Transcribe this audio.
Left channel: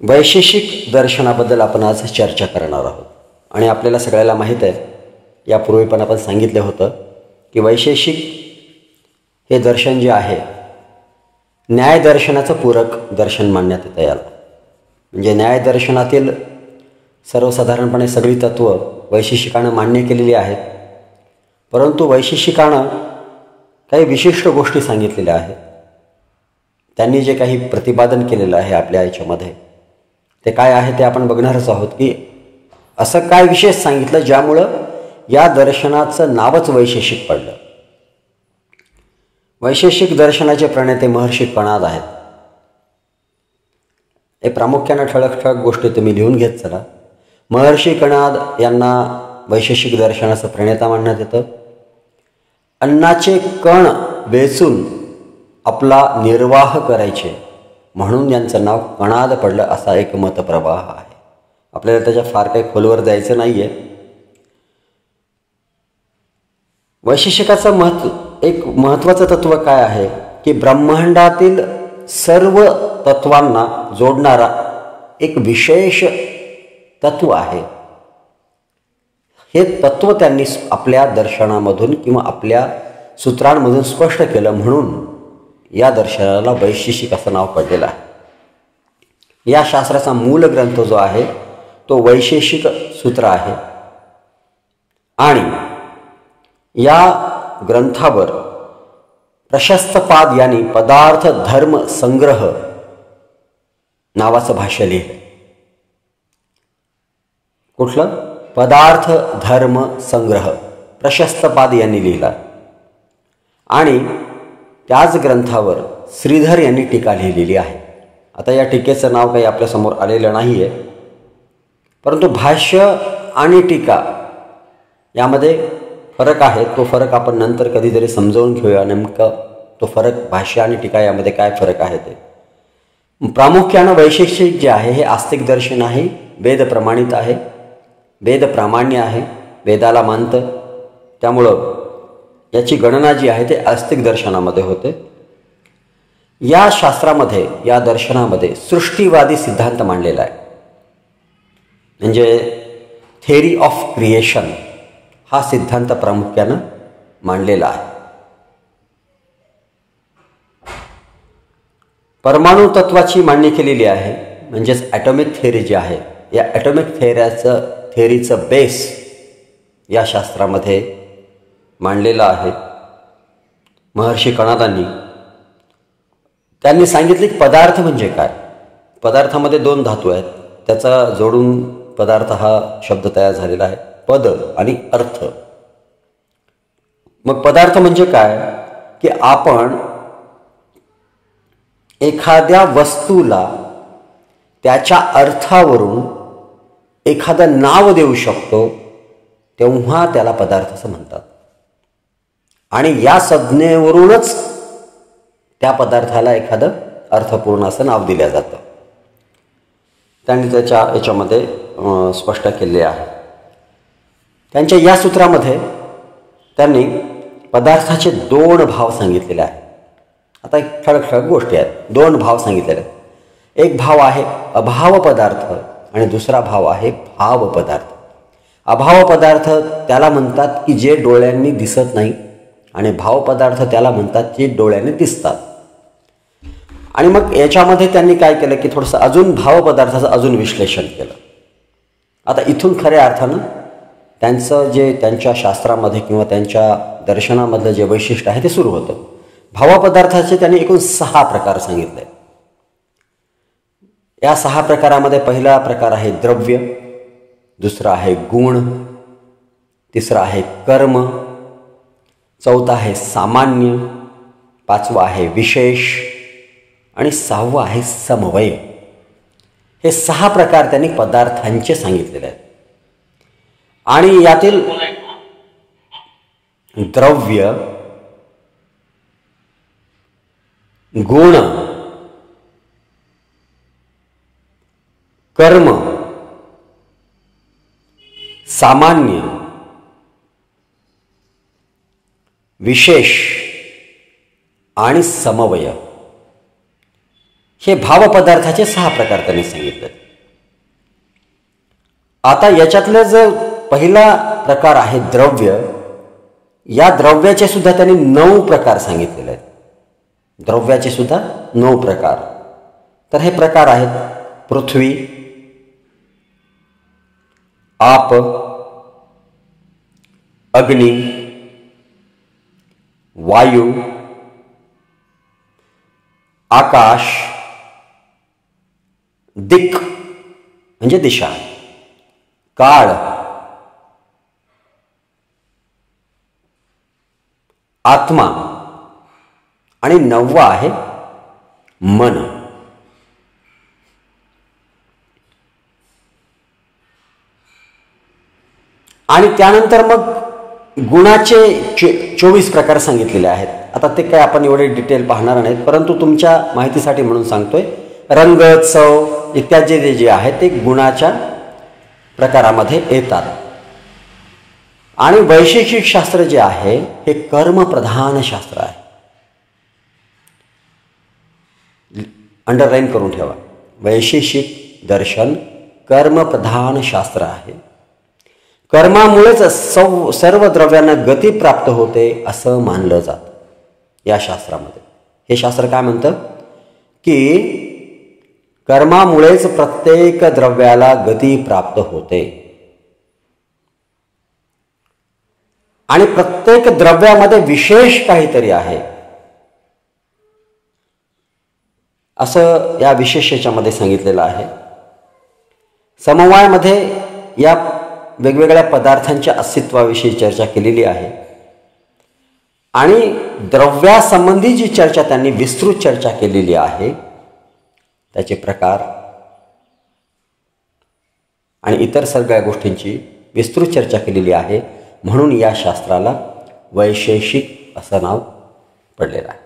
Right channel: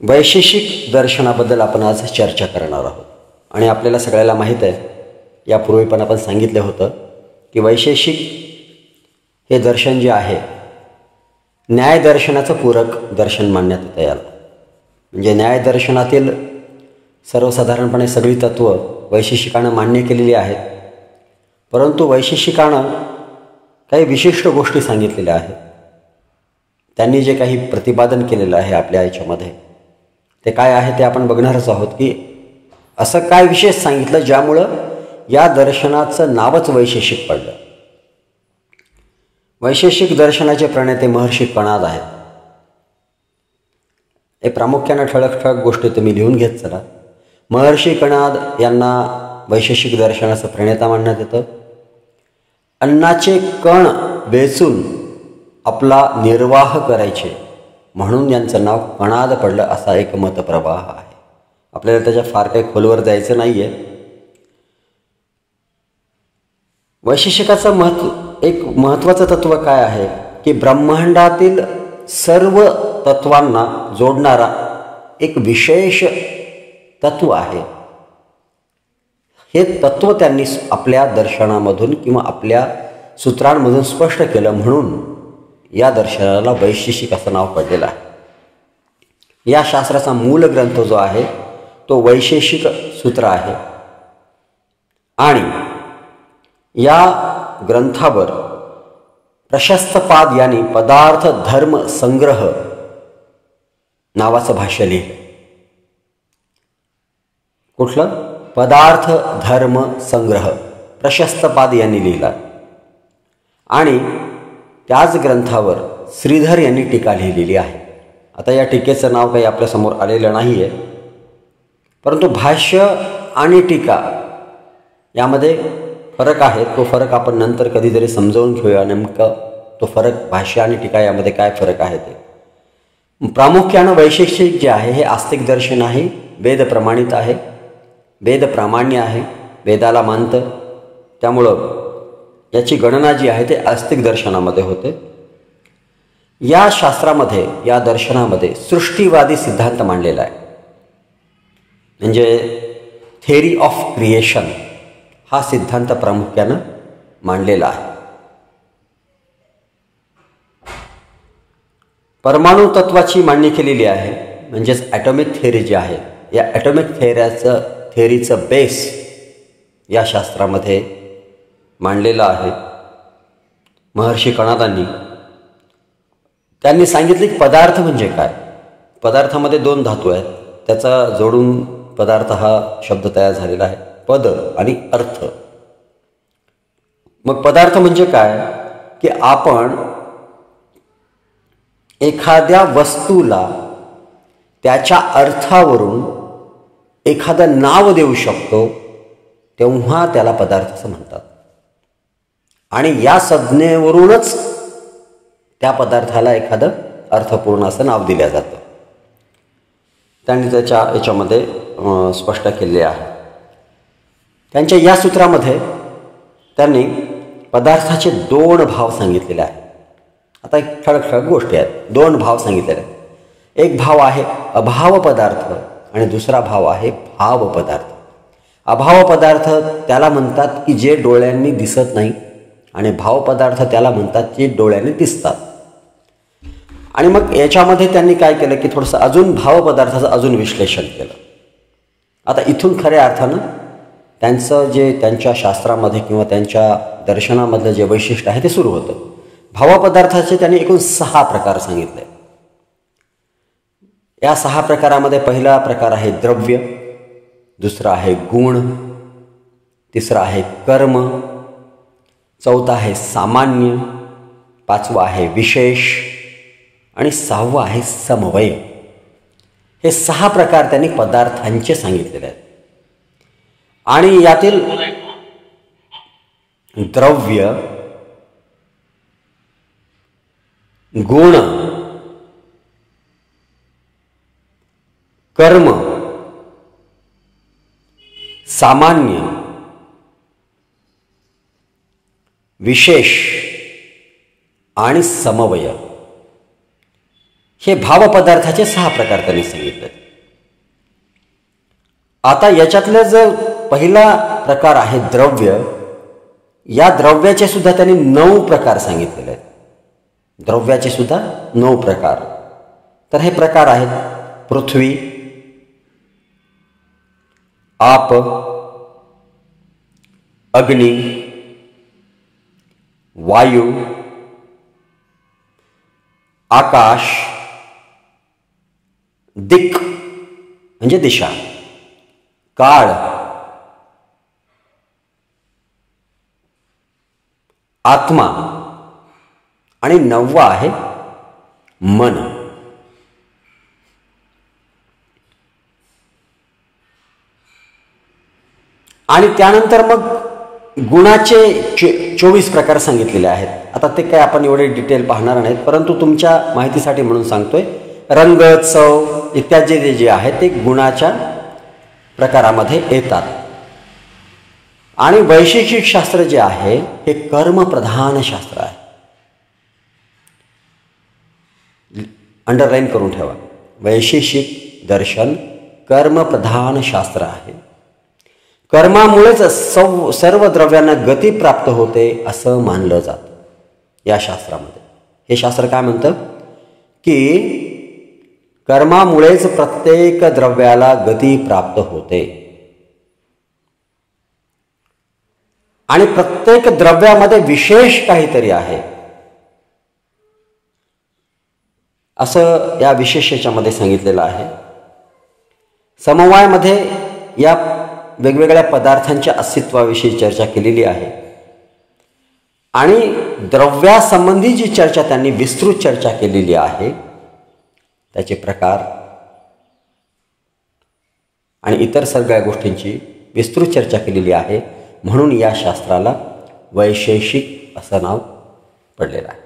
वैशेषिक दर्शनाबद्दल आपण आज चर्चा करणार आहोत. आणि आपल्याला सगळ्याला माहीत आहे, यापूर्वी पण आपण सांगितलं होतं की वैशेषिक हे दर्शन जे आहे न्याय दर्शनाचं पूरक दर्शन मानण्यात येतं याला. म्हणजे न्याय दर्शनातील सर्वसाधारणपणे सगळी तत्व वैशेषिकानं मान्य केलेली आहेत, परंतु वैशेषिकानं काही विशिष्ट गोष्टी सांगितलेल्या आहेत. त्यांनी जे काही प्रतिपादन केलेलं आहे आपल्या याच्यामध्ये ते काय आहे ते आपण बघणारच आहोत की असं काय विशेष सांगितलं ज्यामुळं या दर्शनाचं नावच वैशेषिक पडलं. वैशेषिक दर्शनाचे प्रणेते महर्षी कणाद आहेत. हे प्रामुख्यानं ठळक गोष्टी तुम्ही लिहून घेत चला. महर्षी कणाद यांना वैशेषिक दर्शनाचं प्रणेता मानण्यात येतं. अन्नाचे कण वेचून आपला निर्वाह करायचे म्हणून यांचं नाव कणाद पडलं असा एक मतप्रवाह आहे. आपल्याला त्याच्या फार काही खोलवर जायचं नाहीये. वैशेषिकाचं एक महत्वाचं तत्व काय आहे की ब्रह्मांडातील सर्व तत्वांना जोडणारा एक विशेष तत्व आहे. हे तत्व त्यांनी आपल्या दर्शनामधून किंवा आपल्या सूत्रांमधून स्पष्ट केलं म्हणून या दर्शनाला वैशेषिक असं नाव पडलेलं आहे. या शास्त्राचा मूल ग्रंथ जो आहे तो वैशेषिक सूत्र आहे आणि या ग्रंथावर प्रशस्तपाद यांनी पदार्थ धर्म संग्रह नावाचं भाष्य लिहिलं. कुठलं? पदार्थ धर्म संग्रह प्रशस्तपाद यांनी लिहिला. आणि त्याच ग्रंथावर श्रीधर यांनी टीका लिहिलेली आहे. आता या टीकेचं नाव काही आपल्यासमोर आलेलं नाहीये, परंतु भाष्य आणि टीका यामध्ये फरक आहे. तो फरक आपण नंतर कधीतरी समजावून घेऊया. नेमका तो फरक भाष्य आणि टीका यामध्ये काय फरक आहे ते. प्रामुख्यानं वैशेषिक जे आहे हे आस्तिक दर्शन आहे, वेद प्रमाणित आहे, वेद प्रामाण्य आहे, वेदाला मानतं. त्यामुळं याची गणना जी आहे ते आस्तिक दर्शनामध्ये होते. या शास्त्रामध्ये या दर्शनामध्ये सृष्टीवादी सिद्धांत मांडलेला आहे. म्हणजे थेअरी ऑफ क्रिएशन हा सिद्धांत प्रामुख्यानं मांडलेला आहे. परमाणु तत्वाची मांडणी केलेली आहे. म्हणजेच ॲटॉमिक थेअरी जी आहे या ॲटॉमिक थेअरीचं बेस या शास्त्रामध्ये मांडलेला आहे महर्षी कणादांनी. त्यांनी सांगितले की पदार्थ म्हणजे काय. पदार्थामध्ये दोन धातू आहेत, त्याचा जोडून पदार्थ हा शब्द तयार झालेला आहे, पद आणि अर्थ. मग पदार्थ म्हणजे काय की आपण एखाद्या वस्तूला त्याच्या अर्थावरून एखादं नाव देऊ शकतो तेव्हा त्याला पदार्थ असं म्हणतात. आणि या संज्ञेवरूनच त्या पदार्थाला एखादं अर्थपूर्ण असं नाव दिलं जातं. त्यांनी याच्यामध्ये स्पष्ट केले आहे. त्यांच्या या सूत्रामध्ये त्यांनी पदार्थाचे दोन भाव सांगितलेले आहेत. आता एक ठळक गोष्टी आहेत. दोन भाव सांगितलेले आहेत. एक भाव आहे अभाव पदार्थ आणि दुसरा भाव आहे भाव पदार्थ. अभाव पदार्थ त्याला म्हणतात की जे डोळ्यांनी दिसत नाही आणि भाव पदार्थ त्याला म्हणतात जे डोळ्यांनी दिसतात. आणि मग याच्यामध्ये त्यांनी काय केलं की थोडंसं अजून भाव पदार्थाचं अजून विश्लेषण केलं. आता इथून खऱ्या अर्थानं त्यांचं जे त्यांच्या शास्त्रामध्ये किंवा त्यांच्या दर्शनामधलं जे वैशिष्ट्य आहे ते सुरू होतं. भावपदार्थाचे त्यांनी एकूण 6 प्रकार सांगितले. या 6 प्रकारामध्ये पहिला प्रकार आहे द्रव्य, दुसरा आहे गुण, तिसरा आहे कर्म, चौथा आहे सामान्य, पाचवा आहे विशेष आणि 6वा आहे समवय. हे 6 प्रकार त्यांनी पदार्थांचे सांगितलेले आहेत. आणि यातील द्रव्य, गुण, कर्म, सामान्य, विशेष आणि समवय हे भावपदार्थाचे 6 प्रकार त्यांनी सांगितले. आता याच्यातलं जर पहिला प्रकार आहे द्रव्य, या द्रव्याचे सुद्धा त्यांनी 9 प्रकार सांगितलेले आहेत. द्रव्याचे सुद्धा 9 प्रकार. तर हे प्रकार आहेत पृथ्वी, आप, अग्नी, वायू, आकाश, दिक म्हणजे दिशा, काळ, आत्मा आणि 9वा आहे मन. आणि त्यानंतर मग गुणाचे 24 प्रकार सांगितलेले आहेत. आता ते काय आपण एवढे डिटेल पाहणार नाहीत, परंतु तुमच्या माहितीसाठी म्हणून सांगतोय. रंग, चव इत्यादी जे आहेत ते गुणाच्या प्रकारामध्ये येतात. आणि वैशेषिक शास्त्र जे आहे हे कर्मप्रधान शास्त्र आहे. अंडरलाईन करून ठेवा. वैशेषिक दर्शन कर्मप्रधान शास्त्र आहे. कर्मामुळेच सर्व द्रव्यांना गती प्राप्त होते असं मानलं जातं या शास्त्रामध्ये. हे शास्त्र काय म्हणतं की कर्मामुळेच प्रत्येक द्रव्याला गती प्राप्त होते आणि प्रत्येक द्रव्यामध्ये विशेष काहीतरी आहे असं या विशेष याच्यामध्ये सांगितलेलं आहे. समवायामध्ये या वेगवेगळ्या पदार्थांच्या अस्तित्वाविषयी चर्चा केलेली आहे आणि द्रव्यासंबंधी जी चर्चा त्यांनी विस्तृत चर्चा केलेली आहे, त्याचे प्रकार आणि इतर सगळ्या गोष्टींची विस्तृत चर्चा केलेली आहे. म्हणून या शास्त्राला वैशेषिक असं नाव पडलेलं आहे.